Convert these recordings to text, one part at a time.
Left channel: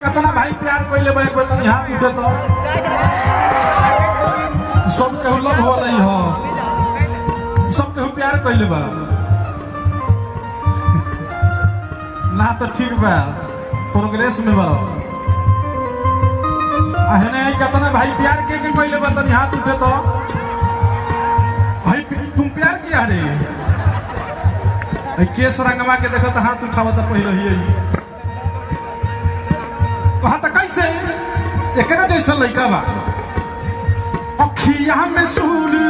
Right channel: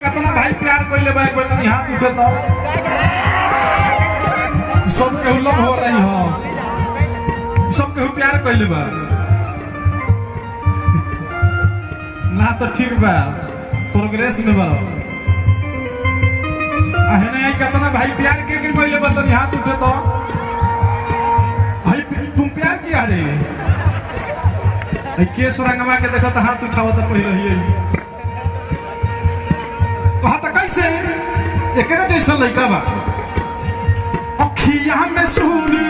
कितना भाई प्यार कर ले भाई बोल हाथ उठे तो सब केहू लव हो रही हो सब केहू प्यार कर ले बा ना तो ठीक बा प्रोग्रेस में बा आहने कितना भाई प्यार के कर ले बा तो हाथ उठे तो भाई तुम प्यार किया रे केस रंगवा के देखो तो हाथ उठाओ तो कह रही है कहा तो कैसे एकरा जैसा लड़का बा अखिया में सूर्य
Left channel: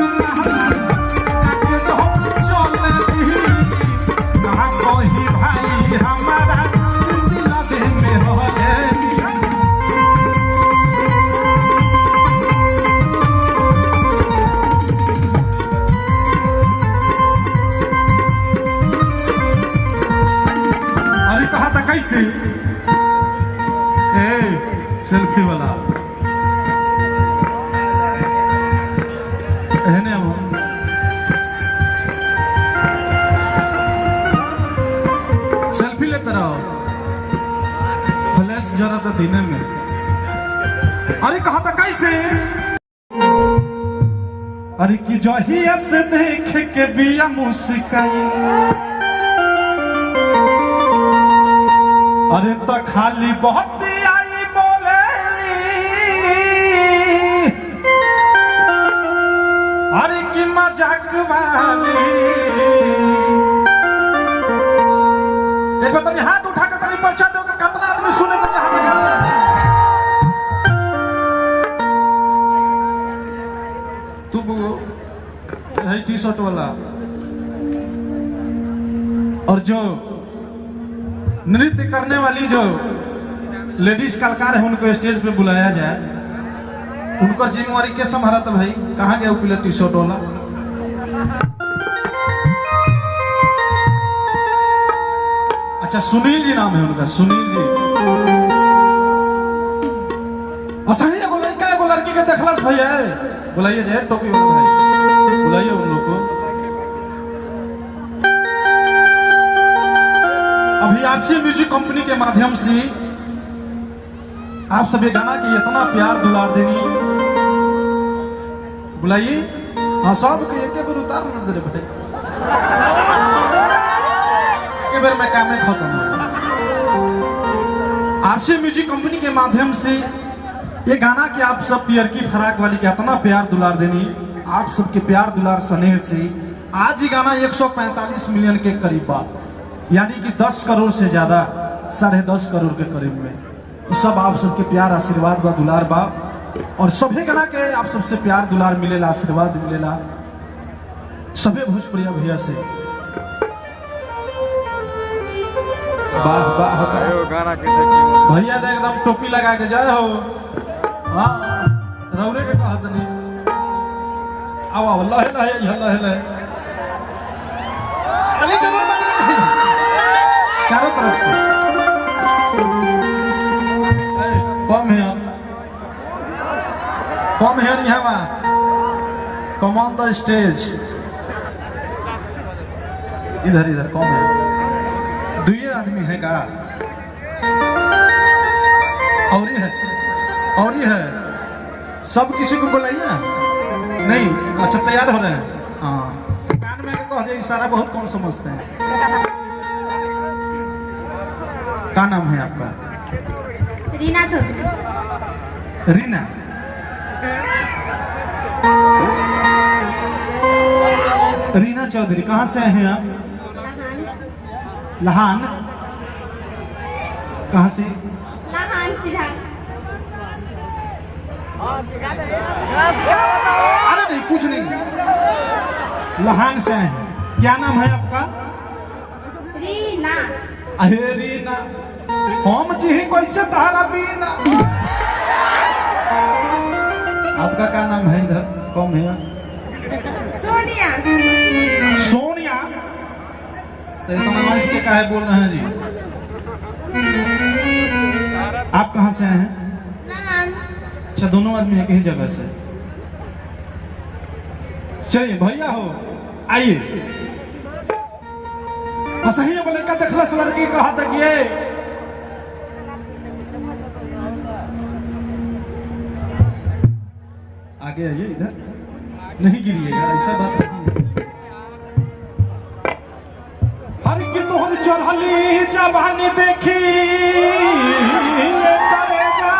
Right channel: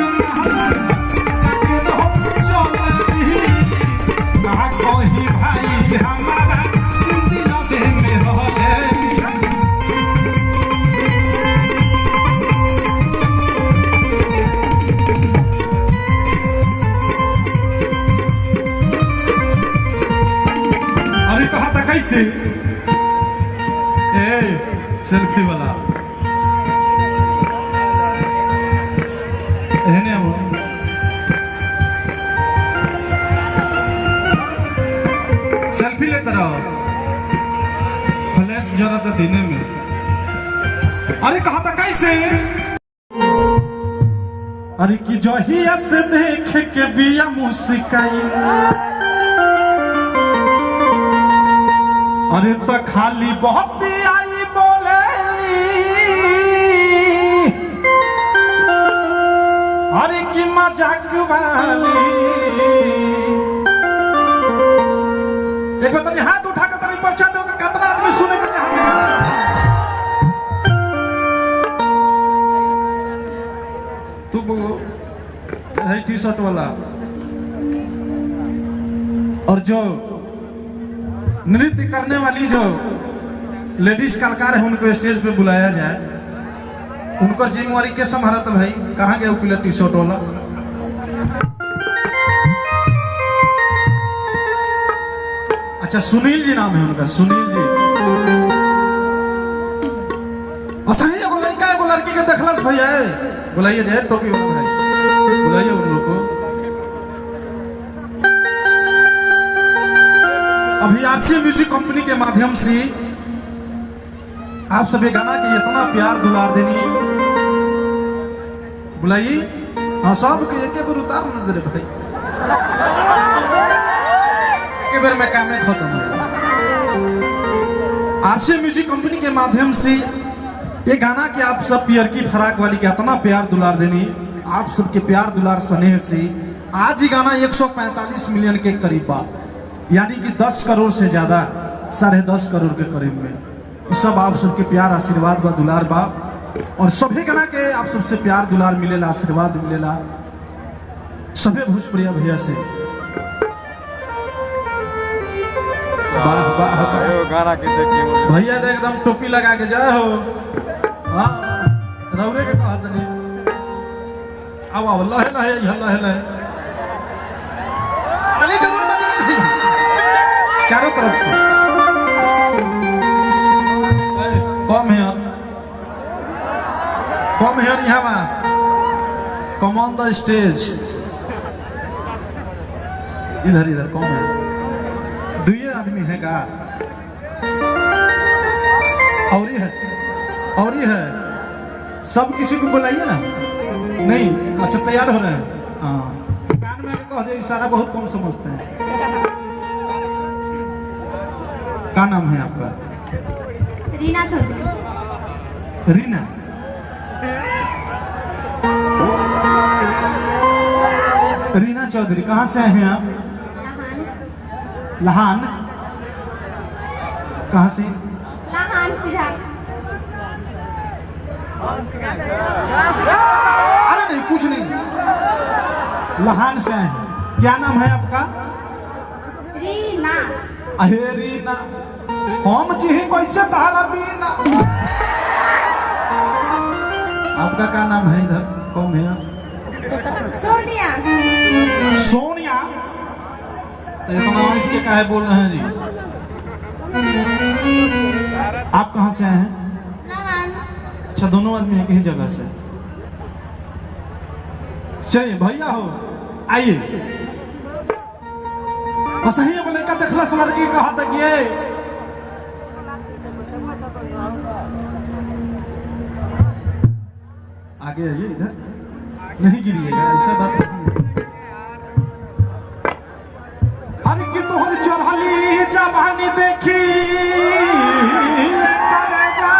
के सब चलती आ कहीं भाई हमारा दुनिया में रह अरे कहा था कैसे सेल्फी वाला है वो सेल्फी लेते रहो फ्लैश जरा था दिन में अरे कहा था कैसे अरे कि जहिया से देख के बिया मुस्काई अरे तो खाली बहुत अरे की मजाक वाली एक बार तनी हाथ उठा के तनी पर्चा दो कितना आदमी सुने के चाहते हैं तू है टी शर्ट वाला और जो नृत्य करने वाली जो लेडीज कलाकार है उनको स्टेज पे बुलाया जाए उनका जिम्मेवारी के संभालता भाई कहाँ गया प्लेट टी शर्ट वाला अच्छा सुनील जी नाम है उनका सुनील जी सही एगो लड़का एगो लड़की के देखलस भैया बुलाइए जाए टोपी वाला भाई बुलाइए उन लोग को अभी आरसी म्यूजिक कंपनी के माध्यम से आप सभी गाना की इतना प्यार दुलार देनी बुलाइए हाँ सब के एक बार उतार दे भाई एक बार में काम में खत्म आरसी म्यूजिक कंपनी के माध्यम से ये गाना की आप सब पियर की फराक वाली के इतना प्यार दुलार देनी आप सबके प्यार दुलार स्नेह से आज ही गाना 145 मिलियन के करीब बा यानी कि 10 करोड़ से ज्यादा 10.5 करोड़ के करीब में सब आप सबके प्यार आशीर्वाद बा दुलार बा और सभी गाना के आप सबसे प्यार दुलार मिलेला आशीर्वाद मिलेला सभी भोजपुरिया भैया से गाना के देखिए भैया तो एकदम टोपी लगा के जाए हो हाँ रौरे के कहा नहीं अब लहे लहे लहे लहे अली जरूर चारों तरफ से Come here, Yama. Come on the stage. इधर इधर कौन है? दुए आदमी है का? और ये है। सब किसी को बुलाइए ना? नहीं, अच्छा तैयार हो रहे हैं। हाँ। कान में कह दे इशारा बहुत कम समझते हैं। क्या नाम है आपका? रीना चौधरी। रीना। रीना चौधरी कहाँ से हैं आप? लहान। कहाँ से? लहान सिरा। अरे नहीं कुछ नहीं लहान से हैं क्या नाम है आपका? रीना। अहे रीना हम जी कैसे तारा बीना आपका क्या नाम है इधर कौन है? सोनिया। सोनिया इतना के काहे बोल रहे हैं जी आप कहाँ से हैं? लहान। अच्छा दोनों आदमी है कहीं जगह से चलिए भैया हो आइए सही लड़का देखला लड़की कहा तक ये आगे आइए, इधर नहीं गिरिएगा, ऐसा बात नहीं है। हर की तोहर चढ़ली जवानी देखी करेजा।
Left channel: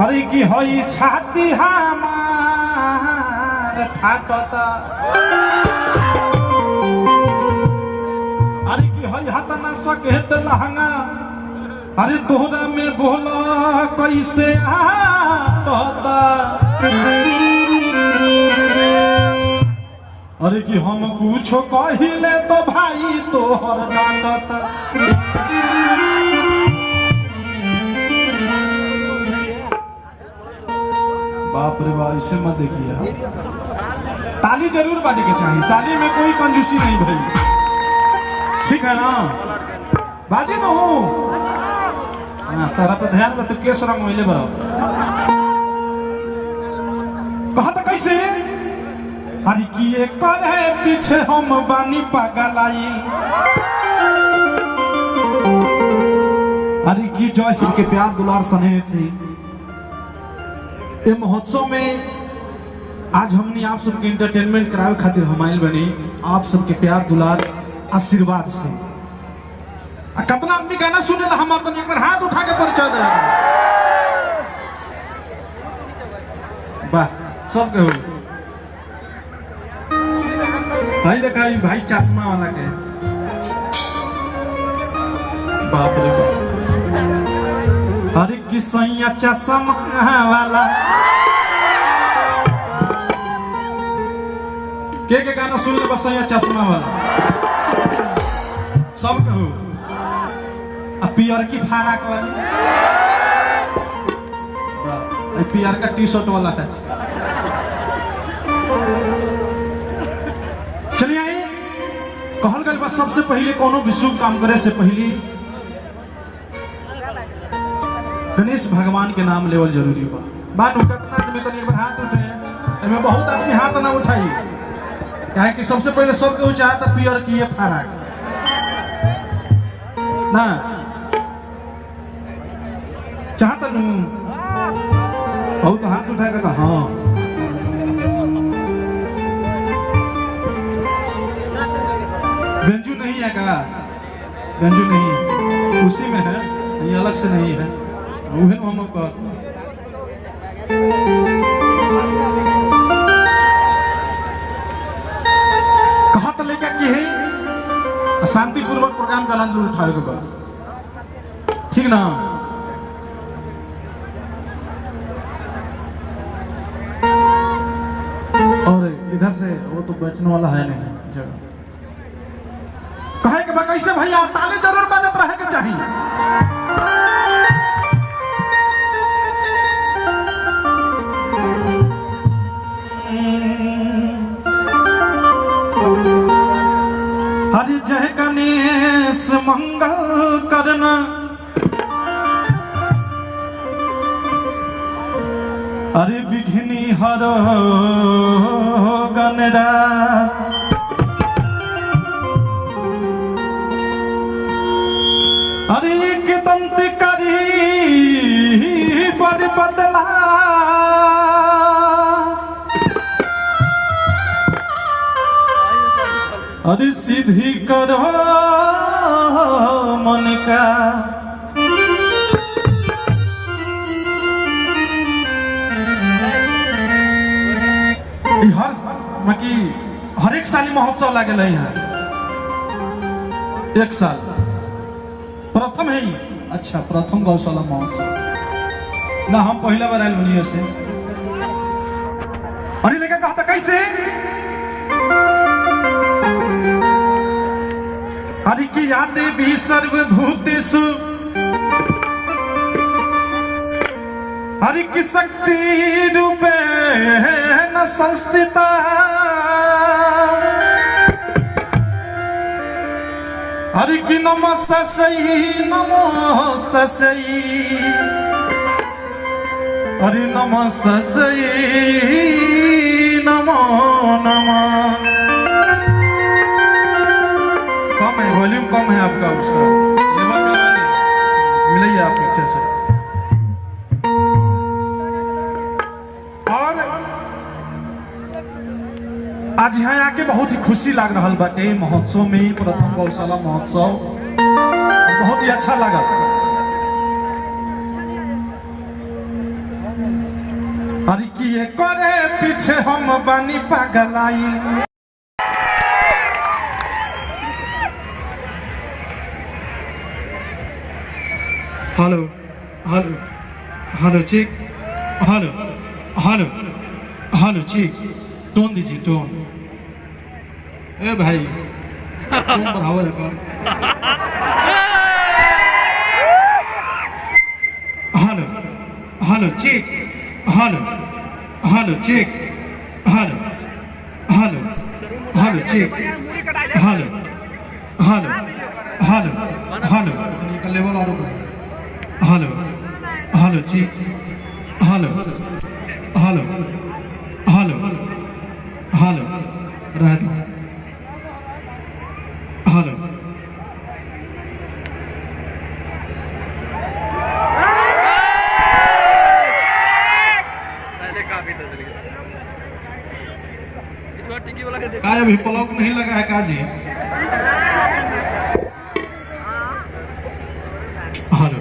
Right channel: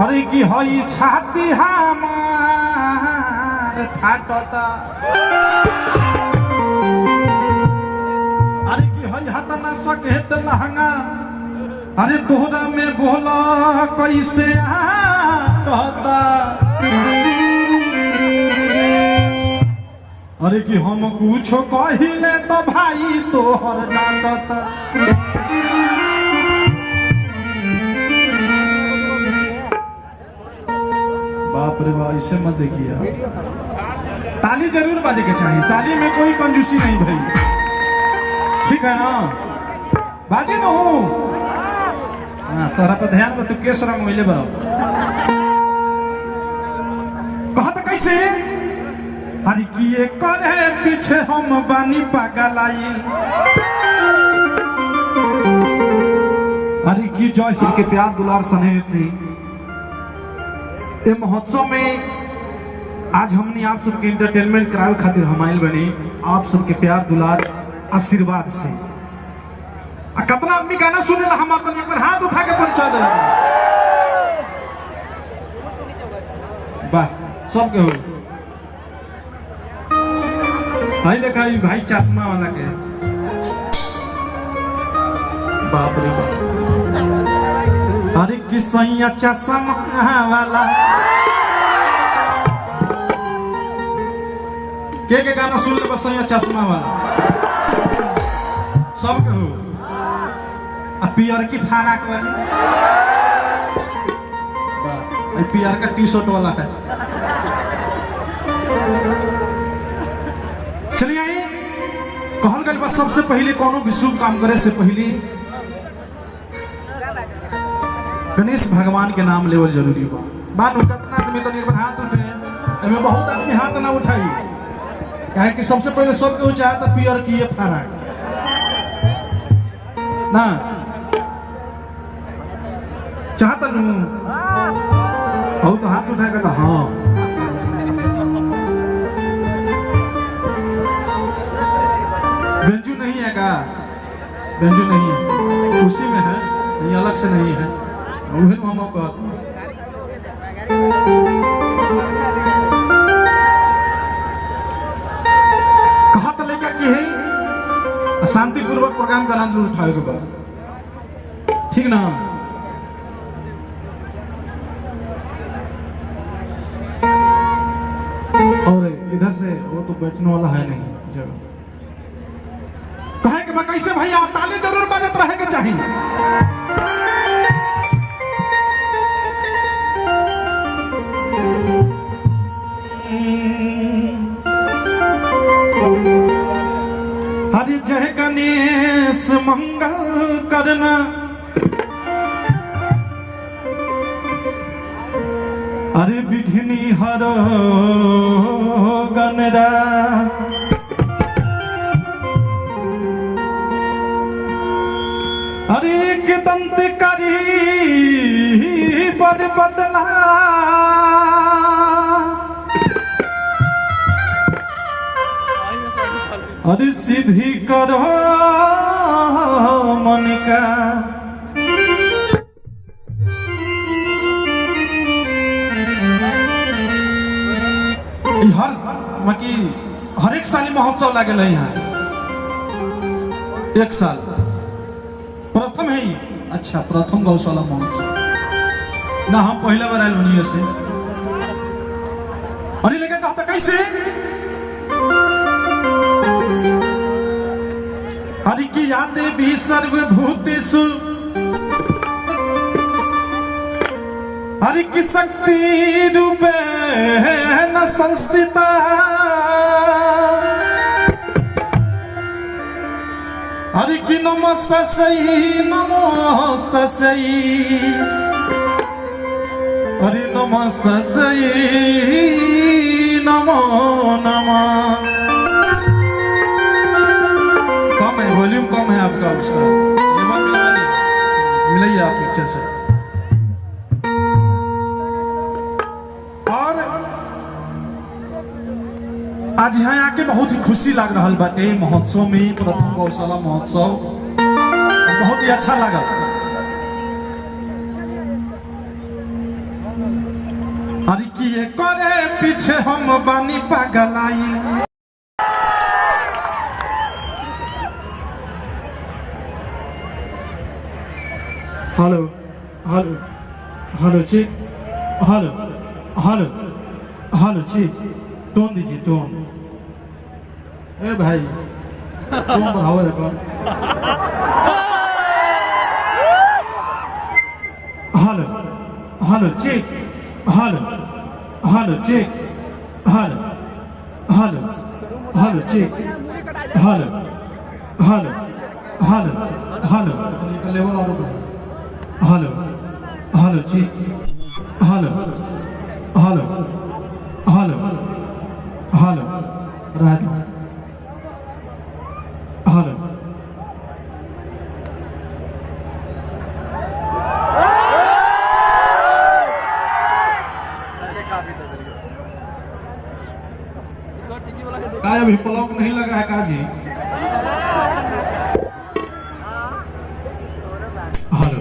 अरे की हई छाती हमार फाटता। अरे की हई हाथ ना सकेत लहंगा। अरे तोहरा में बोला कैसे आता। अरे कि हम कुछ कहिले तो भाई तोहर डांटता। बाप रे बाप, इसे मत देखिए। ताली जरूर बाजे के चाहिए, ताली में कोई कंजूसी नहीं भाई, ठीक है ना? बाजे न हूँ तारा पे ध्यान में तो केस रंग मिले बरा। कहा था कैसे? अरे किए करे पीछे हम बानी पागल आई। अरे की जय श्री के प्यार दुलार स्नेह से ये महोत्सव में आज हमने आप सबके एंटरटेनमेंट करावे खातिर हम आइल बनी, आप सबके प्यार दुलार आशीर्वाद से। कितना आदमी गाना सुने ला हम अपन हाथ उठा के परिचय दे। वाह, सब के हो भाई। देखा भाई चश्मा वाला के, बाप रे बाप। अरे किसैया चश्मा वाला के गाना सुन ले बस चश्मा वाला सब के हो। पियर की फाराक वाली, पियर का टी शर्ट वाला है। चलिए आइए, कहल गल बस सबसे पहले कोनो भी शुभ काम करे से पहले गणेश भगवान के नाम लेवल जरूरी बा। बात कितना आदमी तो निर्भर हाथ उठे, एमे बहुत आदमी हाथ ना उठाई, काहे कि सबसे पहले सबके चाहता पियर की ये फाराक ना चाहता नू हो तो हाथ उठाएगा तो हाँ। बेंजू नहीं है का? बेंजू नहीं है, उसी में है, नहीं अलग से नहीं है। हम कहा तो लेकर कि है शांतिपूर्वक प्रोग्राम का आनंद उठाए के बाद, ठीक ना? और इधर से वो तो बैठने वाला है नहीं जगह। कहे कि कैसे भैया ताली जरूर बजत रहे के चाहिए। हरि जय गणेश मंगल करना। अरे विघ्नि हर गणराज। अरे एक दंत करी बड़ बदला। अरे सीधी करो मन का। हर एक साल महोत्सव लगे यहाँ, एक साल प्रथम है ये। अच्छा, प्रथम गौशाला महोत्सव ना, हम पहला बार आये बनी से। अरे लेके कहता कैसे? हरि की यादें भी सर्वभूतेषु। हरि की शक्ति रूपेण संस्थिता। हरि की नमस्तस्यै नमस्तस्यै। हरि नमस्तस्यै नमो नमः। कम है, वॉल्यूम कम है आपका, उसका लेवल में मिलाइए आप पिक्चर से। बहुत ही खुशी लग रहा बाटे महोत्सव में, प्रथम गौशाला महोत्सव बहुत ही अच्छा लगा। अरे किए करे पीछे हम बानी पगलाई। Hello hello hello check, hello hello hello check, tone दीजिए टोन। ए भाई टोन बढ़ाओ रखो। Hello hello check, hello hello check, hello hello hello check, hello hello hello hello level और hello hello check, hello hello hello hello रात hello काय अभी पलक नहीं लगा है काजी। हेलो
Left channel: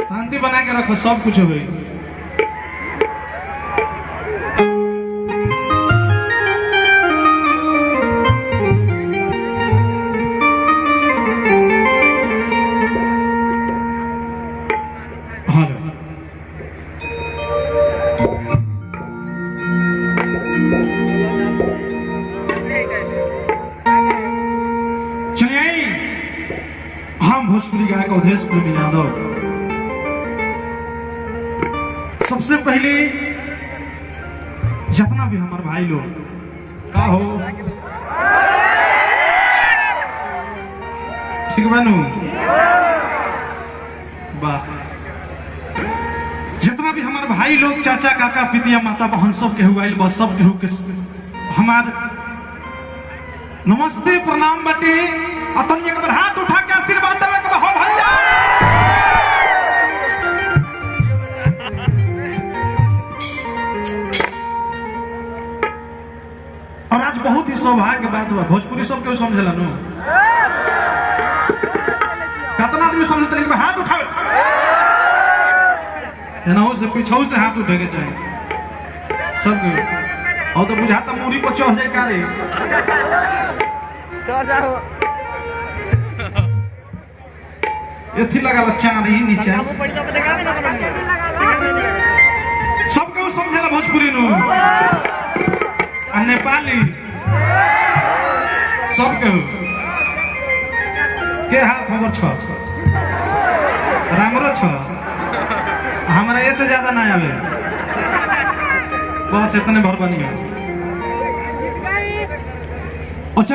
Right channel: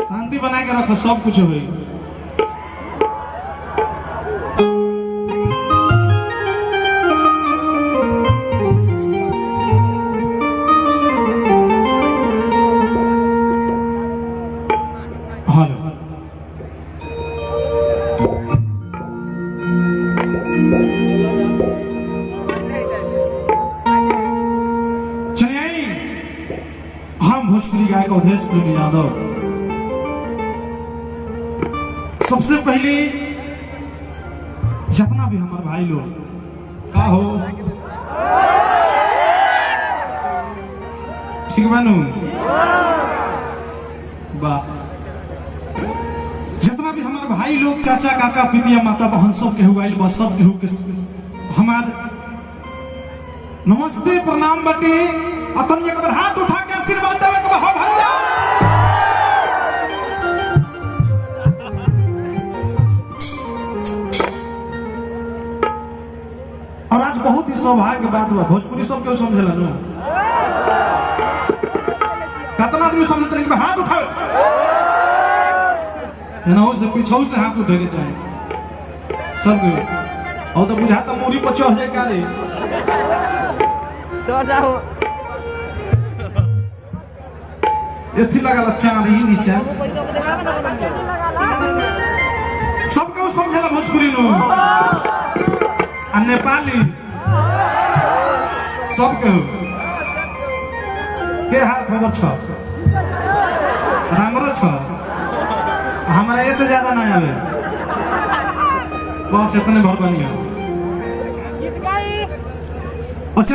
शांति बना के रखो, सब कुछ हो गई। हम भोजपुरी गायक अवधेश प्रेमी यादव सबसे पहले जितना भी हमारे भाई लोग का हो ठीक बनू वाह, जितना भी हमारे भाई लोग चाचा काका पितिया माता बहन सब के हुआ बस सब के हमार नमस्ते प्रणाम बटे। अतन एक बार हाथ उठा के आशीर्वाद देवे के हो भैया। और आज बहुत ही सौभाग्य बात हुआ, भोजपुरी सब क्यों समझला नो, कितना आदमी समझते हैं हाथ उठाओ, एनाहू से पीछे से हाथ उठे के चाहिए सब। और तो बुझाता मूड़ी पर चढ़ जाए का रे एथी लगा चांदी नीचे सबके समझेला भोजपुरी नु आ नेपाली सबके के हाल खबर छ रामरो छ, हमरा ऐसे ज्यादा नहीं आवे, बस इतने भर बन गया। अच्छा